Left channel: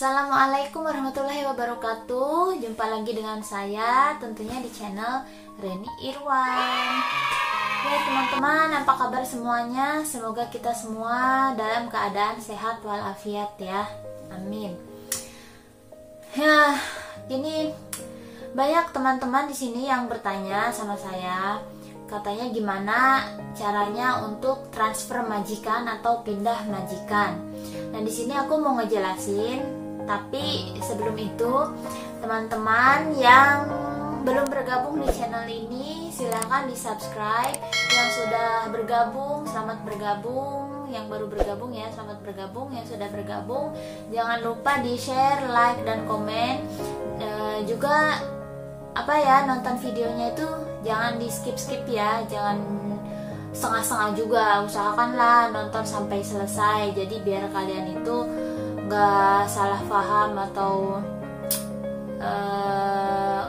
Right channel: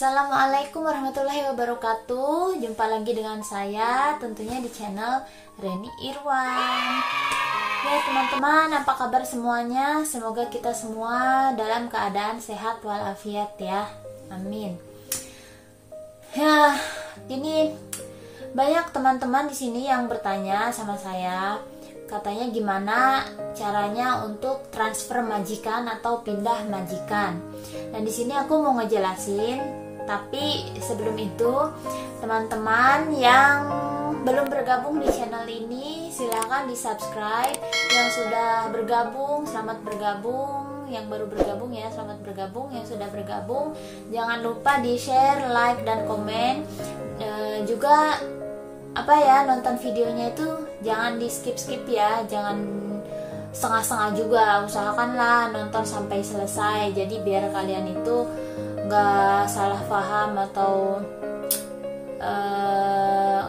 Assalamualaikum warahmatullahi wabarakatuh. Jumpa lagi dengan saya tentunya di channel Reni Irwan. Ya teman-teman, apa kabar semuanya? Semoga kita semua dalam keadaan sehat walafiat ya. Amin. Ya, ini banyak teman-teman di sini yang bertanya sama saya, katanya gimana caranya untuk transfer majikan atau pindah majikan. Nah, di sini aku mau ngejelasin. Tapi sebelum itu, teman-teman yang belum bergabung di channel ini, silahkan di subscribe. Yang sudah bergabung, selamat bergabung. Yang baru bergabung ya, selamat bergabung. Yang sudah bergabung, jangan lupa di share, like, dan komen. Juga nonton videonya itu jangan di skip-skip ya, jangan setengah-setengah juga. Usahakanlah nonton sampai selesai, jadi biar kalian itu nggak salah paham atau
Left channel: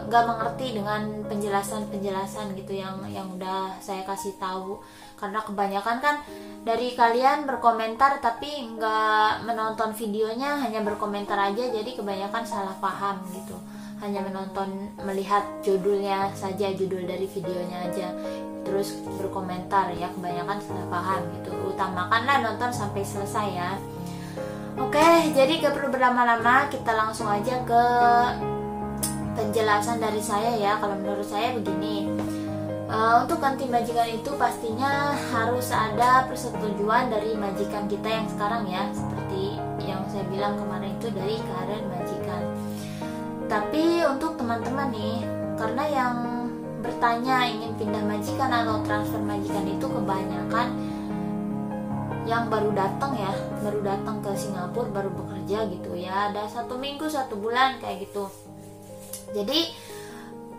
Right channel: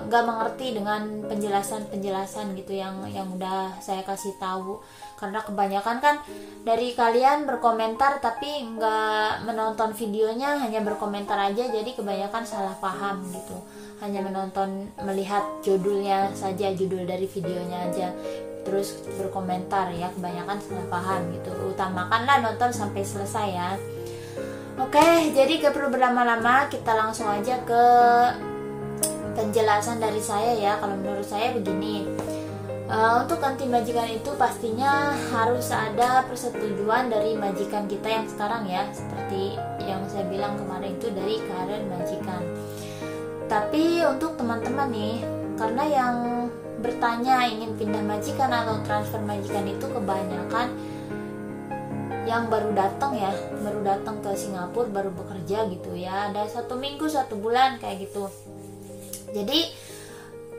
nggak mengerti dengan penjelasan gitu yang udah saya kasih tahu. Karena kebanyakan kan dari kalian berkomentar tapi nggak menonton videonya, hanya berkomentar aja, jadi kebanyakan salah paham gitu. Hanya melihat judulnya saja, judul dari videonya aja, terus berkomentar ya, kebanyakan salah paham gitu. Utamakanlah nonton sampai selesai ya. Oke, jadi gak perlu berlama-lama, kita langsung aja ke penjelasan dari saya ya. Kalau menurut saya begini, untuk ganti majikan itu pastinya harus ada persetujuan dari majikan kita yang sekarang ya, seperti yang saya bilang kemarin itu dari current majikan. Tapi untuk teman-teman nih, karena yang bertanya ingin pindah majikan atau transfer majikan itu kebanyakan yang baru datang ke Singapura, baru bekerja gitu ya, ada 1 minggu 1 bulan kayak gitu. Jadi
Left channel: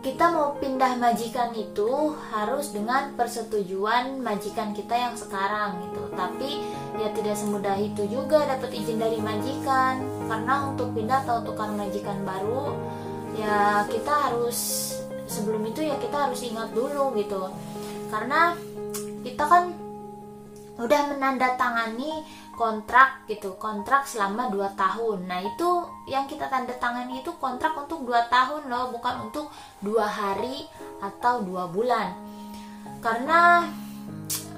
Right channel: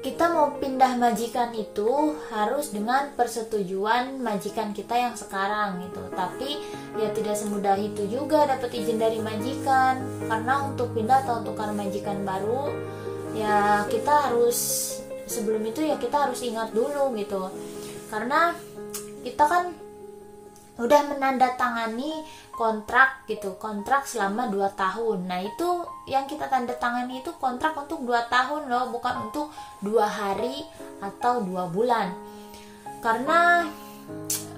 kita mau pindah majikan itu harus dengan persetujuan majikan kita yang sekarang gitu. Tapi ya tidak semudah itu juga dapat izin dari majikan, karena untuk pindah atau tukar majikan baru ya kita harus, sebelum itu ya kita harus ingat dulu gitu, karena kita kan udah menandatangani kontrak gitu, kontrak selama 2 tahun. Nah itu yang kita tanda tangani itu kontrak untuk 2 tahun loh, bukan untuk 2 hari atau 2 bulan. Karena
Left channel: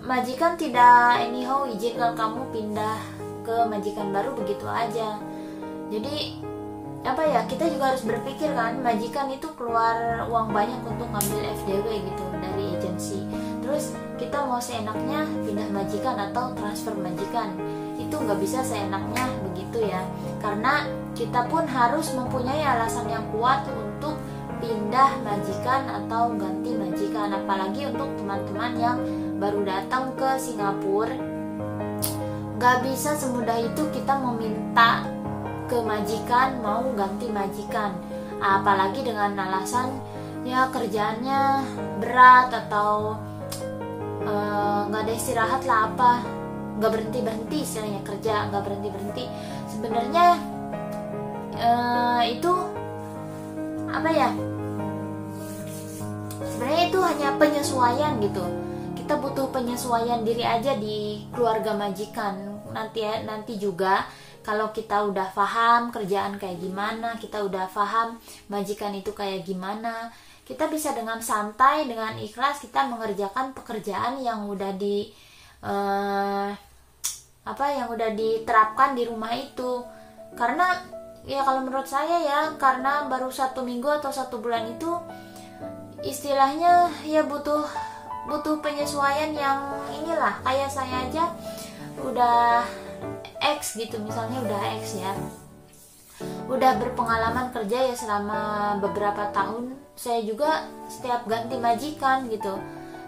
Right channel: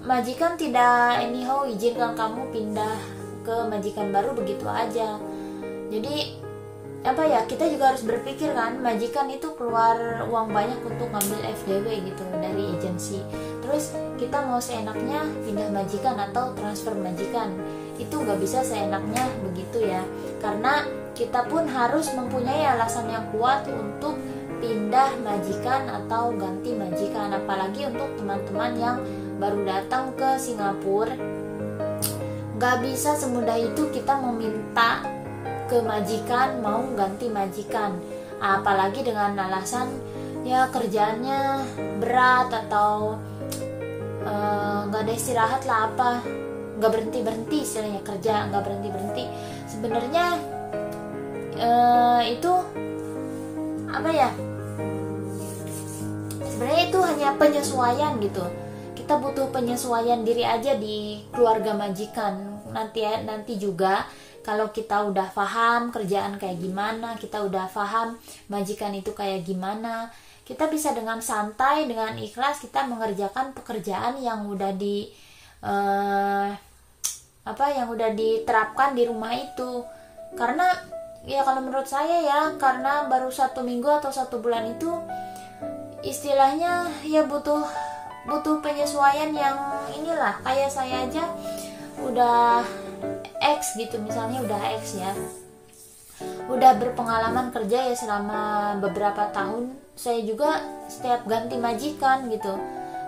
majikan tidak anyhow izinkan kamu pindah ke majikan baru begitu aja. Jadi kita juga harus berpikir kan, majikan itu keluar uang banyak untuk ngambil FDW gitu dari agensi. Terus kita mau seenaknya pindah majikan atau transfer majikan, itu nggak bisa seenaknya begitu ya, karena kita pun harus mempunyai alasan yang kuat untuk pindah majikan atau ganti majikan. Apalagi untuk teman-teman yang baru datang ke Singapura, nggak bisa semudah itu kita meminta ke majikan mau ganti majikan, apalagi dengan alasan ya kerjaannya berat atau nggak ada istirahat lah, nggak berhenti istilahnya, kerja nggak berhenti. Sebenarnya itu sebenarnya itu hanya penyesuaian gitu. Kita butuh penyesuaian diri aja di keluarga majikan. Nanti juga kalau kita udah paham kerjaan kayak gimana, kita udah paham majikan itu kayak gimana, kita bisa dengan santai, dengan ikhlas kita mengerjakan pekerjaan yang udah yang udah diterapkan di rumah itu. Karena ya kalau menurut saya ya, karena baru 1 minggu atau 1 bulan itu istilahnya ya butuh penyesuaian yang inilah. Kayak saya aja udah X gitu, misalnya udah X ya, udah berpengalaman kerja ya selama beberapa tahun. Saya juga setiap ganti majikan gitu.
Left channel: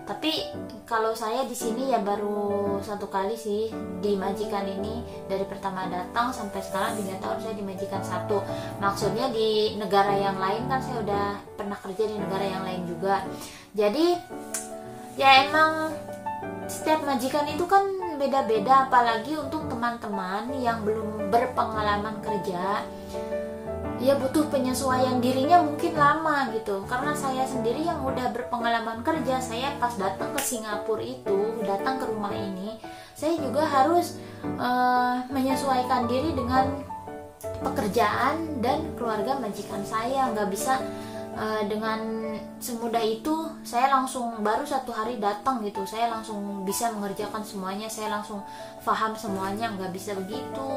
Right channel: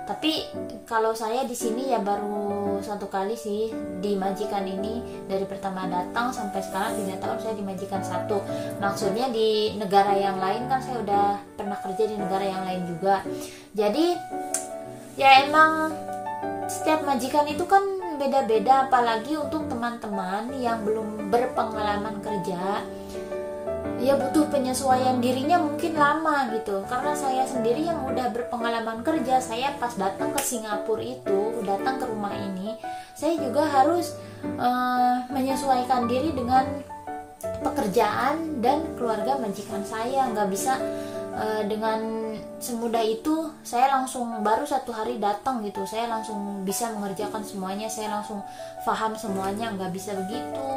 Tapi kalau saya di sini ya baru 1 kali sih di majikan ini, dari pertama datang sampai sekarang 3 tahun saya di majikan 1. Maksudnya di negara yang lain kan saya udah pernah kerja di negara yang lain juga. Jadi ya emang setiap majikan itu kan beda-beda, apalagi untuk teman-teman yang belum berpengalaman kerja ya butuh penyesuaian dirinya mungkin lama gitu. Karena saya sendiri yang udah berpengalaman kerja, saya pas datang ke Singapura itu, datang ke rumah ini, saya juga harus menyesuaikan diri dengan pekerjaan dan keluarga majikan saya. Nggak bisa dengan semudah itu saya langsung baru 1 hari datang gitu saya langsung bisa mengerjakan semuanya, saya langsung paham semuanya. Nggak bisa begitu.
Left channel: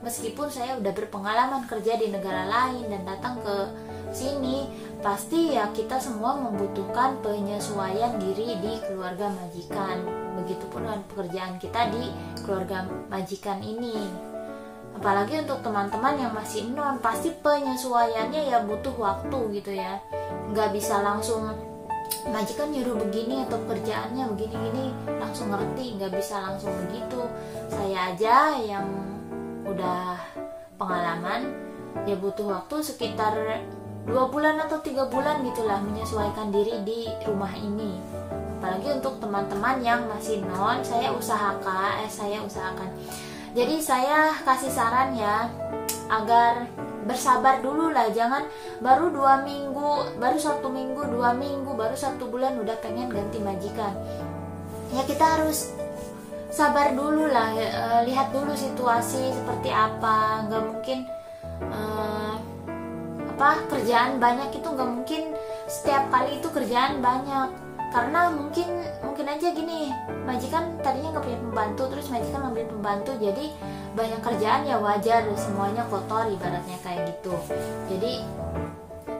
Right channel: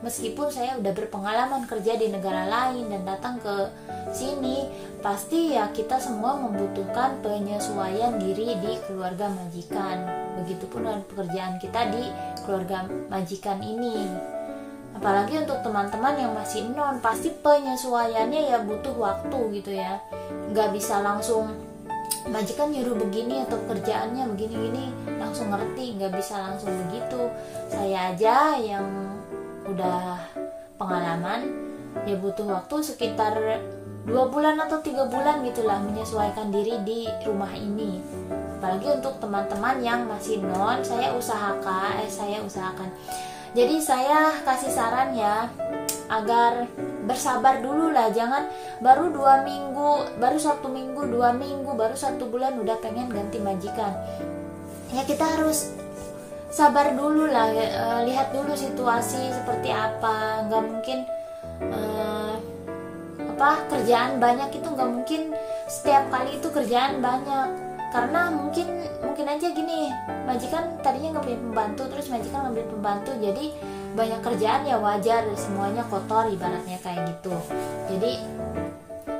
Meskipun saya udah berpengalaman kerja di negara lain dan datang ke sini, pasti ya kita semua membutuhkan penyesuaian diri di keluarga majikan. Begitupun dengan pekerjaan kita di keluarga majikan ini. Apalagi untuk teman-teman yang masih non, pasti penyesuaiannya ya butuh waktu gitu ya. Nggak bisa langsung majikan nyuruh begini atau kerjaannya begini-gini langsung ngerti, nggak bisa langsung begitu. Saya aja yang udah pengalaman ya butuh waktu sekitar 2 bulan atau 3 bulan gitulah menyesuaikan diri di rumah ini. Apalagi untuk teman-teman yang masih non, saya usahakan. Jadi saya kasih saran ya, agar bersabar dulu lah, jangan baru 2 minggu, baru 1 minggu, 2 minggu, baru 1 bulan udah pengen ganti majikan. Ya kita harus sabar dulu lah, lihat dulu situasi seperti apa. Nggak mungkin kerjaan banyak itu nggak mungkin setiap kali itu kerjaan banyak, karena mungkin aja gini, majikan tadinya nggak punya pembantu, terus majikan ngambil pembantu, jadi banyak kerjaan ya wajar semuanya kotor ibaratnya kayak gitu. Jadi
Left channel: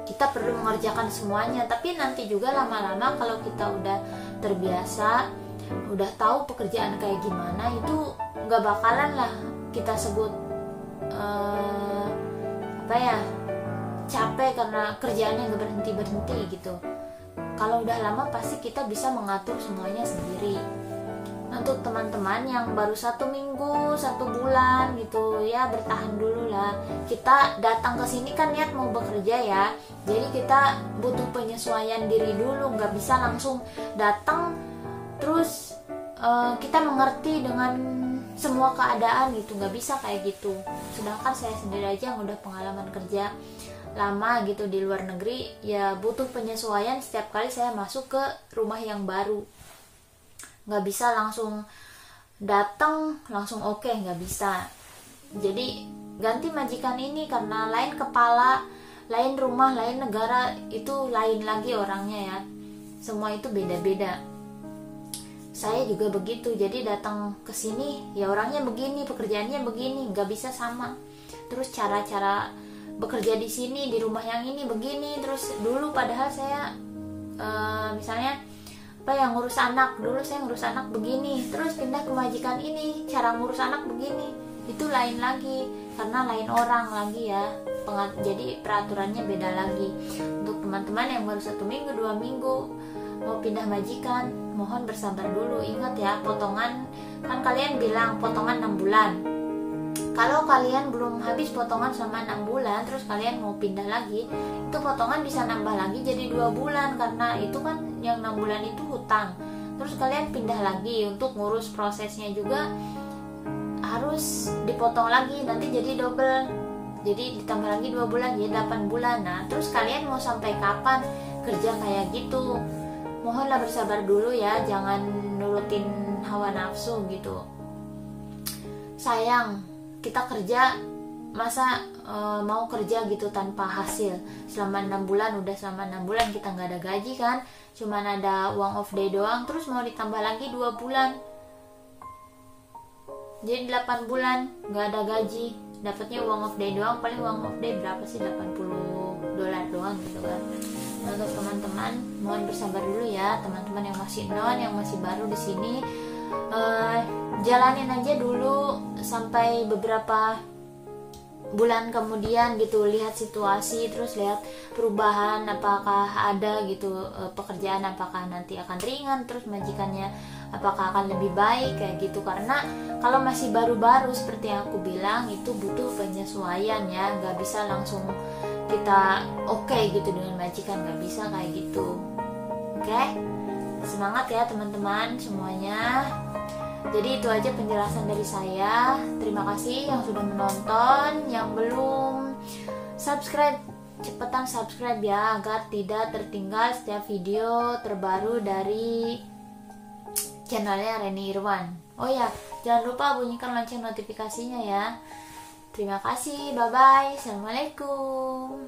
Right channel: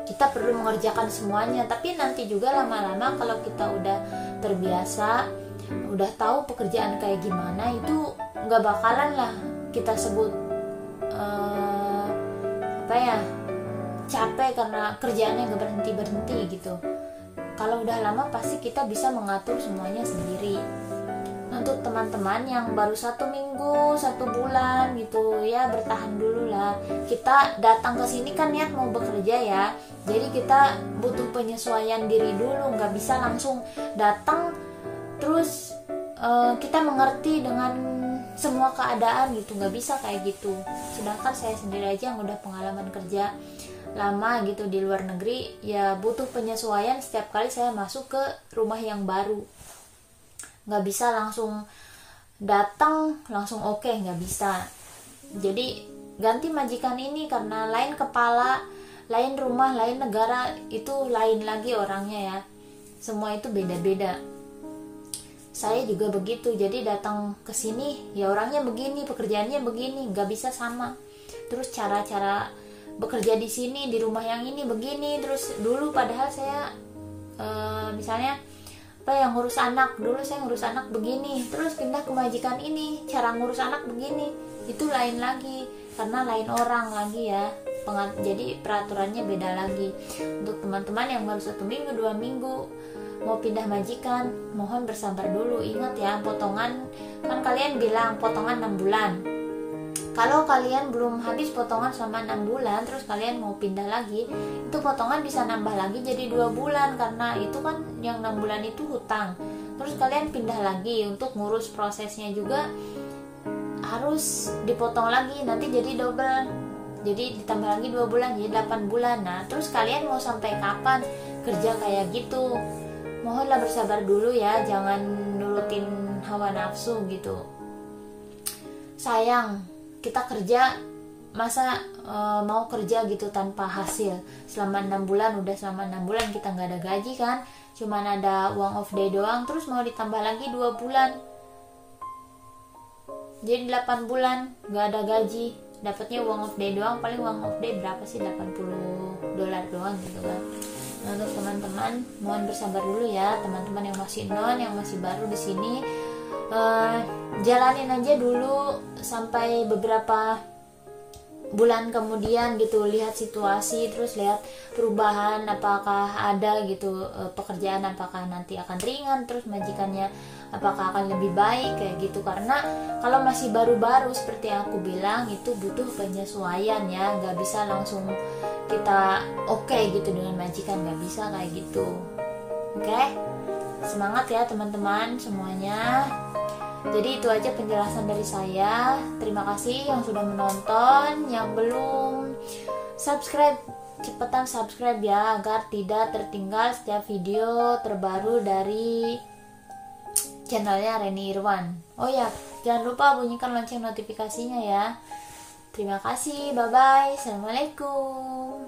kita perlu mengerjakan semuanya, tapi nanti juga lama-lama kalau kita udah terbiasa, udah tahu pekerjaan kayak gimana, itu nggak bakalan lah kita sebut capek karena kerjaannya nggak berhenti gitu. Kalau udah lama pasti kita bisa mengatur semuanya sendiri. Untuk teman-teman yang baru 1 minggu, 1 bulan gitu ya, bertahan dulu lah. Kita datang ke sini kan niat mau bekerja ya, jadi kita butuh penyesuaian diri dulu. Nggak bisa langsung datang terus kita mengerti dengan semua keadaan gitu, nggak bisa kayak gitu. Sedangkan saya sendiri aja yang udah pengalaman kerja lama gitu di luar negeri, ya butuh penyesuaian setiap kali saya masuk ke rumah yang baru. Nggak bisa langsung datang langsung oke, nggak bisa. Jadi ganti majikan ini karena lain kepala, lain rumah, lain negara, itu lain lagi orangnya ya. Semua itu beda-beda. Saya juga begitu, jadi datang ke sini ya orangnya begini, pekerjaannya begini, nggak bisa sama. Terus cara-cara bekerja di sini di rumah yang ini begini. Terus dulu padahal saya misalnya ngurus anak, dulu saya ngurus anak begini, terus pindah ke majikan ini cara ngurus anak begini, itu lain lagi karena lain orang lagi ya. Jadi peraturannya beda lagi. Untuk teman-teman yang baru 1 minggu 2 minggu mau pindah majikan, mohon bersabar dulu. Ingat ya, potongan kan kalian bilang potongan 6 bulan. Kalau kalian belum habis potongan selama 6 bulan, terus kalian mau pindah lagi, itu potongan bisa nambah lagi jadi 2 bulan, karena itu kan yang 6 bulan itu hutang. Terus kalian pindah lagi, untuk ngurus prosesnya juga harus dipotong lagi, nanti jadi double. Jadi ditambah lagi 2 bulan, jadi 8 bulan. Nah, terus kalian mau sampai kapan kerja kayak gitu? Mohonlah bersabar dulu ya, jangan nurutin hawa nafsu gitu. Sayang, kita kerja masa mau kerja gitu tanpa hasil selama 6 bulan. Udah selama 6 bulan kita nggak ada gaji kan, cuman ada uang off day doang, terus mau ditambah lagi 2 bulan jadi 8 bulan nggak ada gaji, dapatnya uang off day doang. Paling uang off day berapa sih, $80 doang gitu kan. Nah, untuk teman-teman mohon bersabar dulu ya, teman-teman yang masih non, yang masih baru di sini, jalanin aja dulu sampai beberapa bulan kemudian gitu, lihat situasi, terus lihat perubahan apakah ada gitu, pekerjaan apakah nanti akan ringan, terus majikannya apakah akan lebih baik kayak gitu. Karena kalau masih baru-baru seperti yang aku bilang, itu butuh penyesuaian ya, nggak bisa langsung kita oke gitu dengan majikan, nggak bisa kayak gitu. Oke, semangat ya teman-teman semuanya. Jadi itu aja penjelasan dari saya. Terima kasih yang sudah menonton. Yang belum subscribe, cepetan subscribe ya, agar tidak tertinggal setiap video terbaru dari channelnya Reni Irwan. Oh ya, jangan lupa bunyikan lonceng notifikasinya ya. Terima kasih, bye bye, assalamualaikum.